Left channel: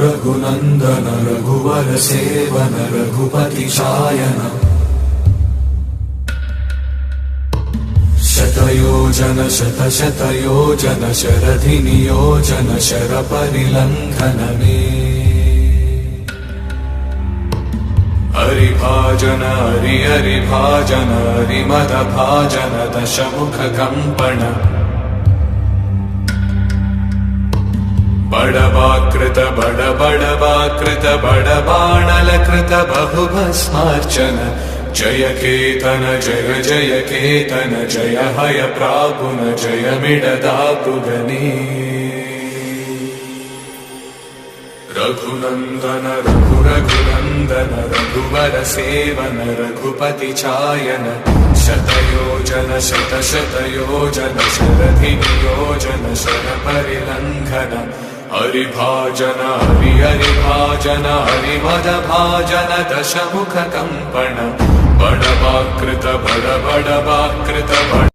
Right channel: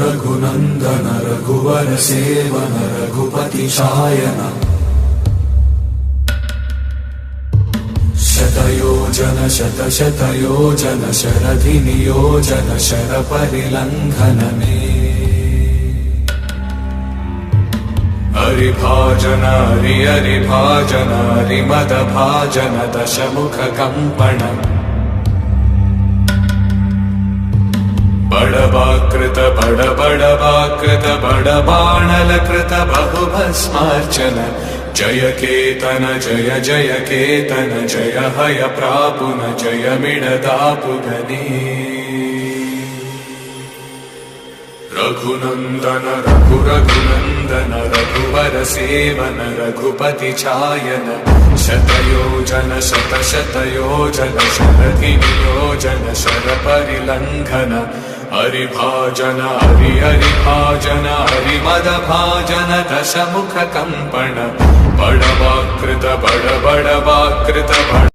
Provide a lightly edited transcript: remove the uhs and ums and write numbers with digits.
रघुनन्दन रघुवर सेवन रघुपति शायन शतयोजन शतशतयोजन शरधि नियोजन शर परिलंघन में हरिभाजन हरिभाजन हरिमद भाजन दशमुख कंपन बड़वाकृत बड़वाकृत बड़बाणलकृत बहुभस्मार्चन जय केतन जय जय केतन जय हय प्रापुन जय मिडदापुगनी रघुनन्दन रघुनन्दन रघुवर सेवन रघुपति चायन शतयोजन शतशतयोजन शरधि नियोजन शर परिलंघन हरिभाजन हरिभाजन हरिमद भाजन दशमुख कंपन बड़वाकृत बड़वाकृत